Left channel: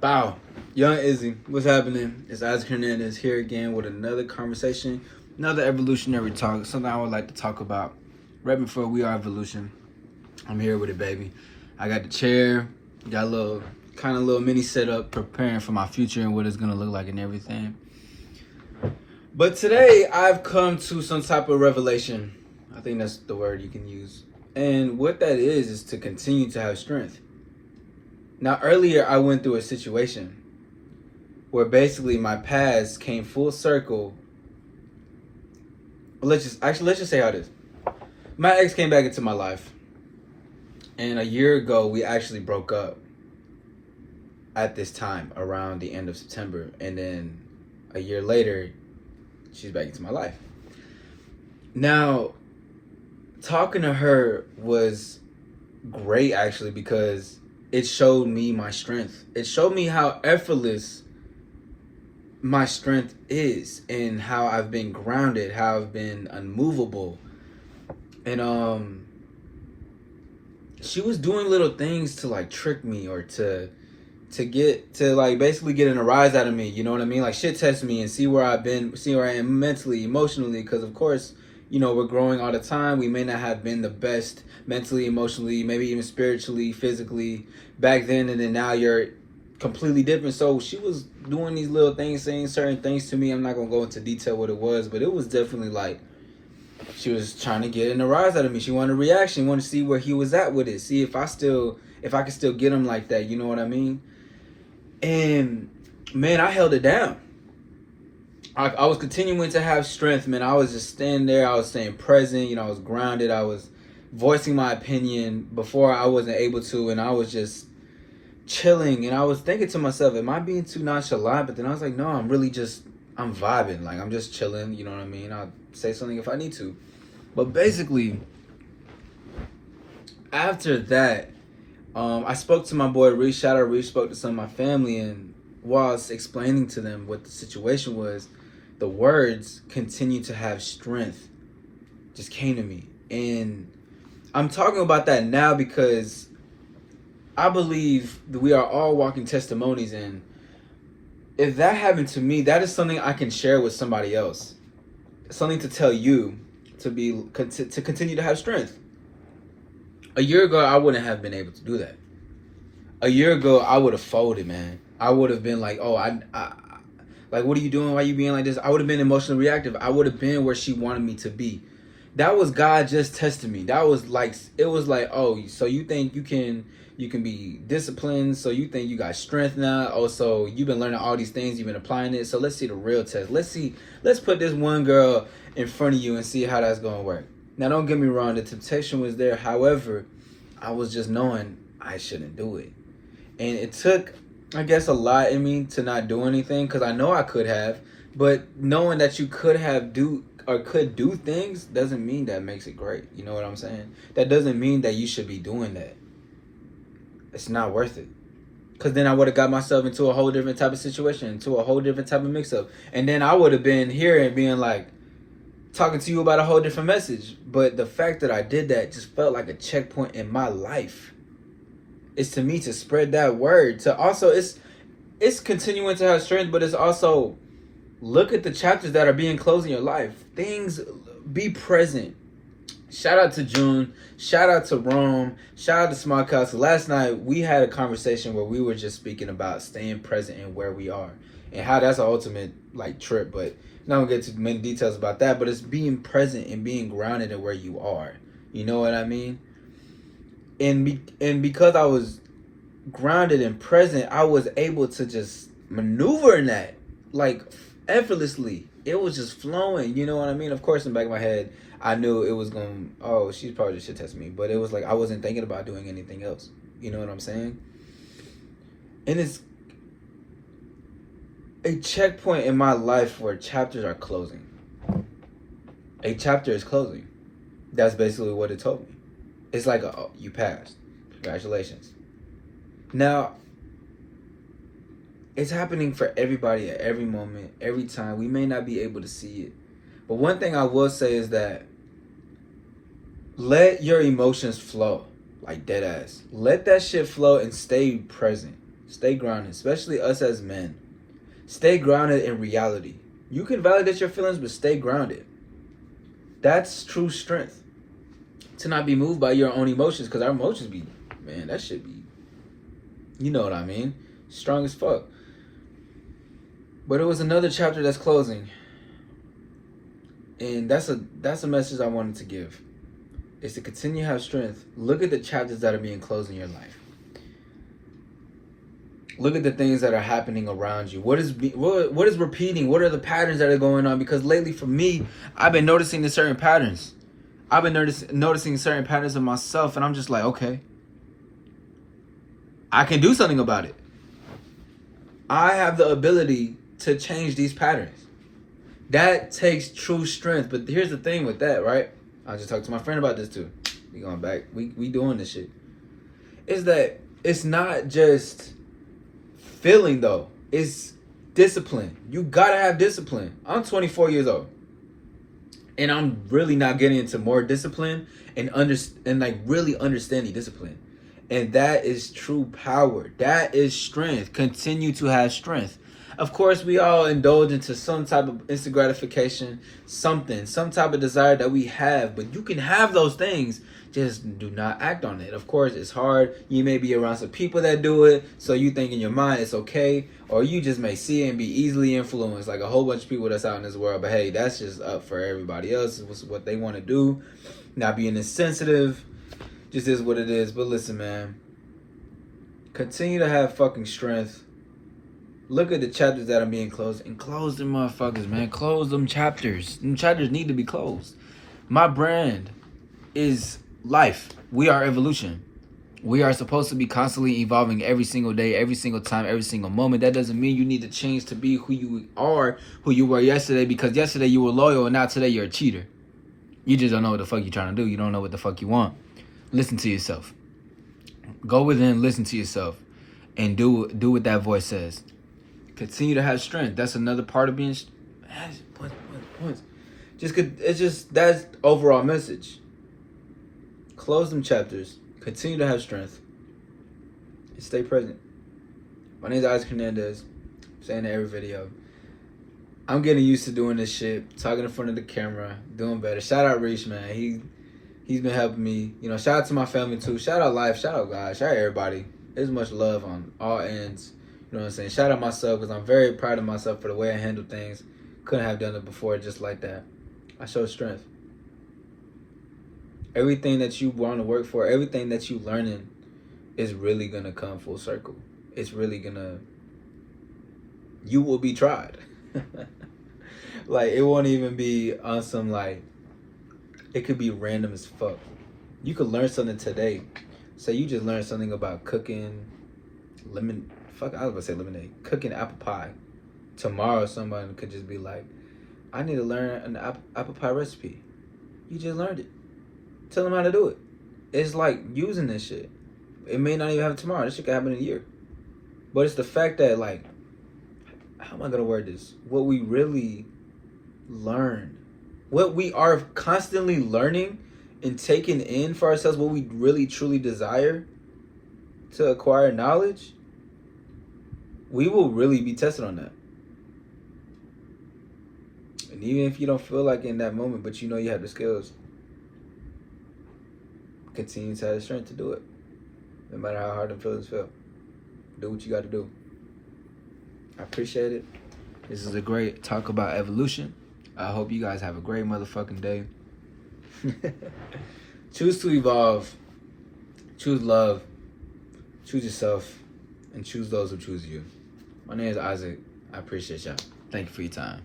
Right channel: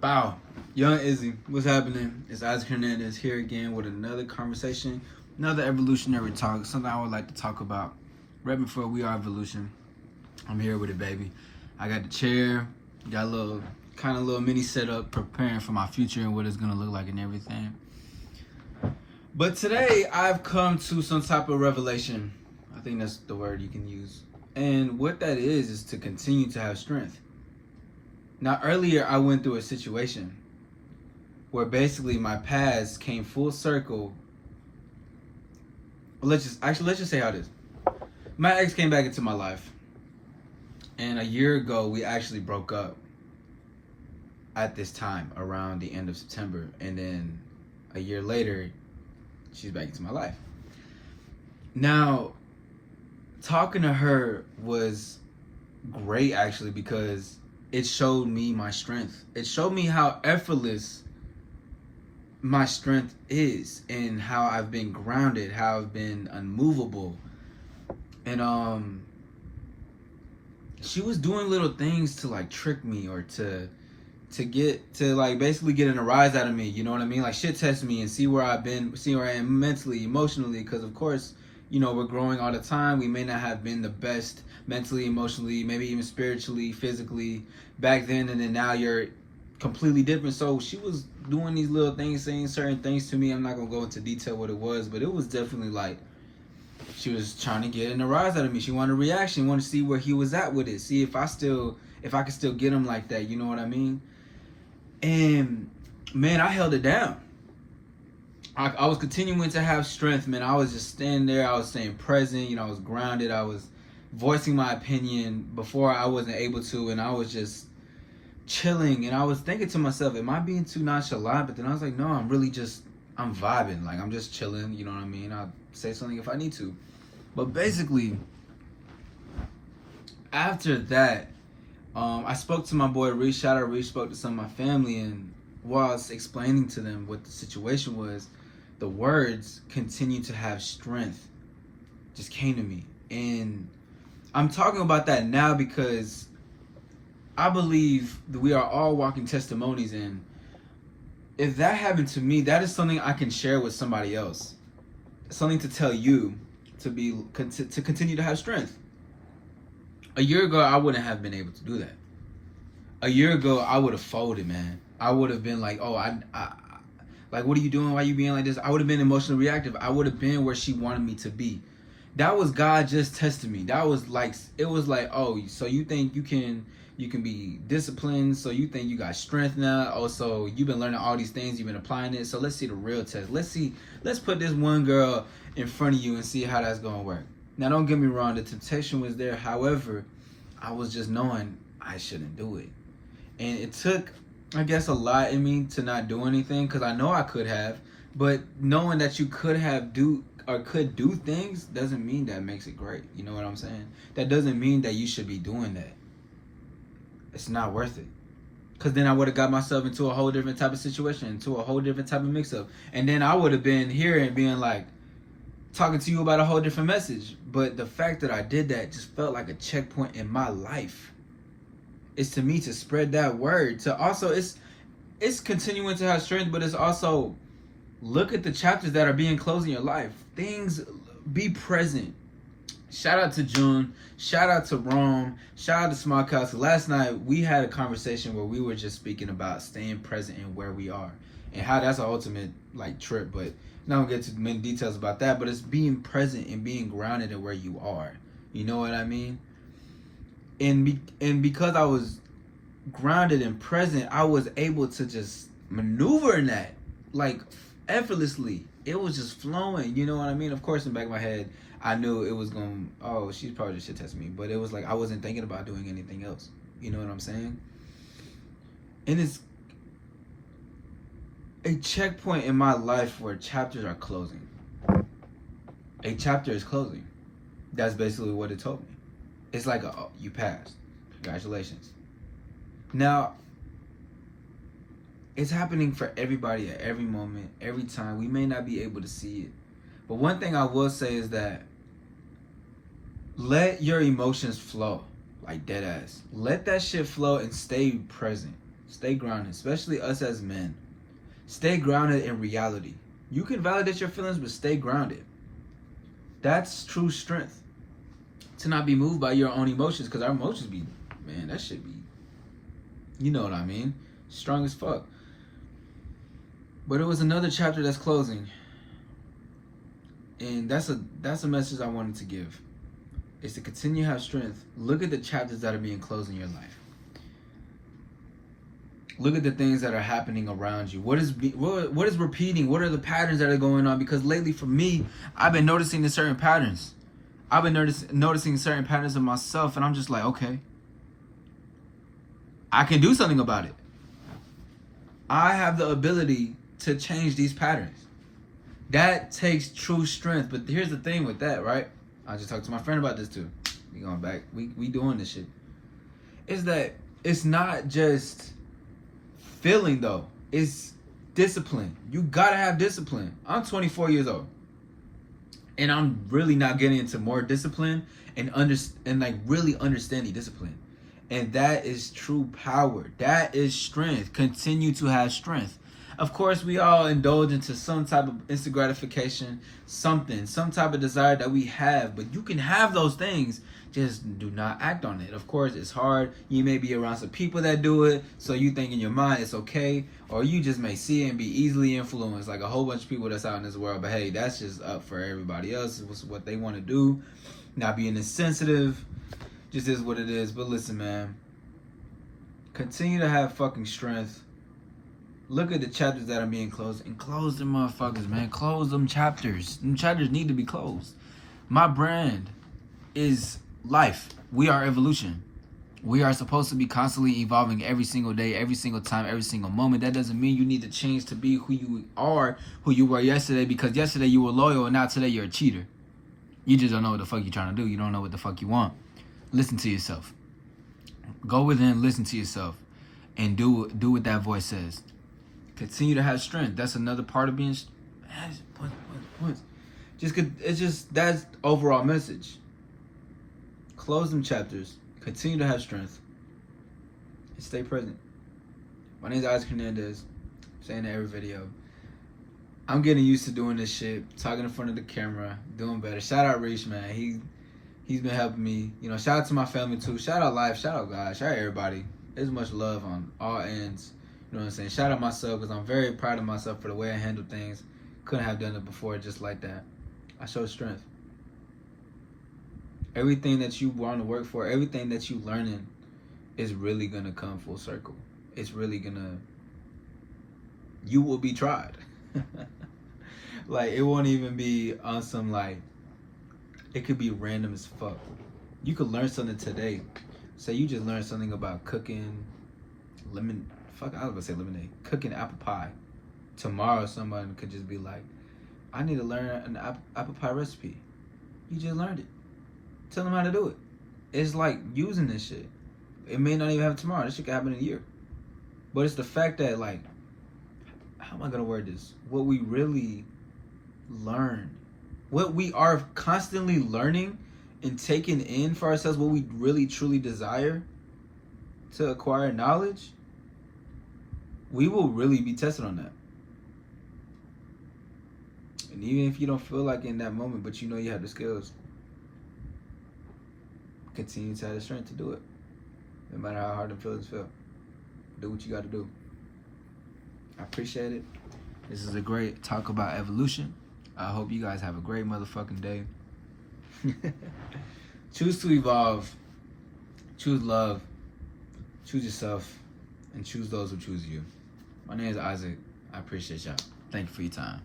Bow. Young Izzy, what's happening? It's Isaac Hernandez here again with another conversation, another evolutionary talk, something I would like to talk about right before we are evolution. I'm here with it, baby. I got the chair, got a little mini setup preparing for my future and what it's gonna look like and everything. But today I've come to some type of revelation. I think that's the word you can use. And what that is to continue to have strength. Now, earlier I went through a situation where basically my past came full circle. Let's just say how it is. My ex came back into my life, and a year ago we actually broke up at this time around the end of September, and then a year later she's back into my life. Now, talking to her was great actually because it showed me my strength. It showed me how effortless my strength is and how I've been grounded, how I've been unmovable. And she was doing little things to like trick me or to basically getting a rise out of me, you know what I mean? Like shit test me and see where I am mentally, emotionally, because of course, we're growing all the time. We may not have been the best mentally, emotionally, maybe even spiritually, physically back then, and then now you're completely different. So she was doing these little things, saying certain things to me. I'm not gonna go into detail what it was, but it was definitely like she was trying to get in a rise out of me. She wanted a reaction, wanted to see where he was at with it, see if I could still get him like that, you know what I mean? And man, I held it down. I was continuing to have strength, man. I was just standing there. I was staying present. I was grounded. I was voicing my opinion before I wasn't able to, and I was just chilling. And I was thinking to myself, am I being too nonchalant? But then I was like, no, I'm vibing. Like, I'm just chilling. You know what I mean? I'll say something if I need to. But basically, after that, I spoke to my boy Reese. Shout out Reese. Spoke to some of my family, and while I was explaining to them what the situation was, the words "continue to have strength" just came to me. And I'm talking about that now because I believe that we are all walking testimonies, and if that happened to me, that is something I can share with somebody else. Something to tell you to continue to have strength. A year ago, I wouldn't have been able to do that. A year ago, I would have folded, man. I would have been like, oh, I like, what are you doing? Why are you being like this? I would have been emotionally reactive. I would have been where she wanted me to be. That was God just testing me. That was like, it was like, oh, so you think you can be disciplined? So you think you got strength now? Oh, so you've been learning all these things, you've been applying it. So let's see the real test. Let's put this one girl in front of you and see how that's gonna work. Now, don't get me wrong, the temptation was there. However, I was just knowing I shouldn't do it. And it took, I guess, a lot in me to not do anything, because I know I could have, but knowing that you could do things doesn't mean that makes it great. You know what I'm saying? That doesn't mean that you should be doing that. It's not worth it. Because then I would have got myself into a whole different type of situation, into a whole different type of mix-up. And then I would have been here and being like, talking to you about a whole different message. But the fact that I did that just felt like a checkpoint in my life. It's to me to spread that word. To also, it's continuing to have strength, but it's also look at the chapters that are being closed in your life. Things, be present. Shout out to June. Shout out to Rome. Shout out to Small Castle. Last night we had a conversation where we were just speaking about staying present in where we are and how that's an ultimate like trip. But I'm not gonna get too many details about that. But it's being present and being grounded in where you are. You know what I mean? And because I was grounded and present, I was able to just maneuver in that like effortlessly. It was just flowing, you know what I mean? Of course, in the back of my head, I knew it was going, oh, she's probably just shit test me. But it was like I wasn't thinking about doing anything else. You know what I'm saying? And it's a checkpoint in my life where chapters are closing. A chapter is closing. That's basically what it told me. It's like, oh, you passed. Congratulations. Now, it's happening for everybody at every moment, every time. We may not be able to see it. But one thing I will say is that let your emotions flow, like dead ass. Let that shit flow and stay present. Stay grounded, especially us as men. Stay grounded in reality. You can validate your feelings, but stay grounded. That's true strength. To not be moved by your own emotions, because our emotions be, man, that shit be, you know what I mean? Strong as fuck. But it was another chapter that's closing. And that's a message I wanted to give. Is to continue to have strength. Look at the chapters that are being closed in your life. Look at the things that are happening around you. What is repeating? What are the patterns that are going on? Because lately for me, I've been noticing the certain patterns. I've been noticing certain patterns of myself, and I'm just like, okay, I can do something about it. I have the ability to change these patterns. That takes true strength. But here's the thing with that, right? I just talked to my friend about this too. We going back. We doing this shit. Is that it's not just feeling though. It's discipline. You gotta have discipline. I'm 24 years old. And I'm really not getting into more discipline and like really understanding discipline. And that is true power. That is strength. Continue to have strength. Of course, we all indulge into some type of instant gratification, some type of desire that we have. But you can have those things, just do not act on it. Of course, it's hard. You may be around some people that do it, so you think in your mind it's okay. Or you just may see it and be easily influenced, like a whole bunch of people that's out in this world. But hey, that's just up for everybody else. It's what they want to do. Not being insensitive. Just is what it is. But listen, man. Continue to have fucking strength. Look at the chapters that are being closed. And close them motherfuckers, man. Close them chapters. Them chapters need to be closed. My brand is life. We are evolution. We are supposed to be constantly evolving every single day, every single time, every single moment. That doesn't mean you need to change to be who you are, who you were yesterday. Because yesterday you were loyal and now today you're a cheater. You just don't know what the fuck you're trying to do. You don't know what the fuck you want. Listen to yourself. Go within, listen to yourself. And do what that voice says. Continue to have strength. That's another part of being. Points. It's just that's overall message. Close them chapters. Continue to have strength. And stay present. My name is Isaac Hernandez. I'm saying it every video. I'm getting used to doing this shit, talking in front of the camera, doing better. Shout out Reach, man. He's been helping me. You know, shout out to my family too. Shout out life. Shout out God. Shout out everybody. There's much love on all ends. You know what I'm saying? Shout out myself because I'm very proud of myself for the way I handle things. Couldn't have done it before just like that. I show strength. Everything that you want to work for, everything that you learning is really going to come full circle. It's really going to... You will be tried. Like, it won't even be on some, like... It could be random as fuck. You could learn something today. Say you just learned something about cooking I was about to say lemonade. Cooking apple pie. Tomorrow, someone could just be like, I need to learn an apple pie recipe. You just learned it. Tell them how to do it. It's like using this shit. It may not even happen tomorrow. This shit could happen in a year. But it's the fact that, like, how am I going to word this? What we really learn. What we are constantly learning and taking in for ourselves, what we really truly desire to acquire knowledge, we will really be tested on that. And even if you don't feel like in that moment, but you know you have the skills, continue to have the strength to do it. No matter how hard the feelings feel. Do what you got to do. I appreciate it. This is a great talk about evolution. I hope you guys have a great motherfucking day. Choose to evolve. Choose love. Choose yourself. And choose those who choose you. My name is Isaac. I appreciate y'all. Thank you for your time.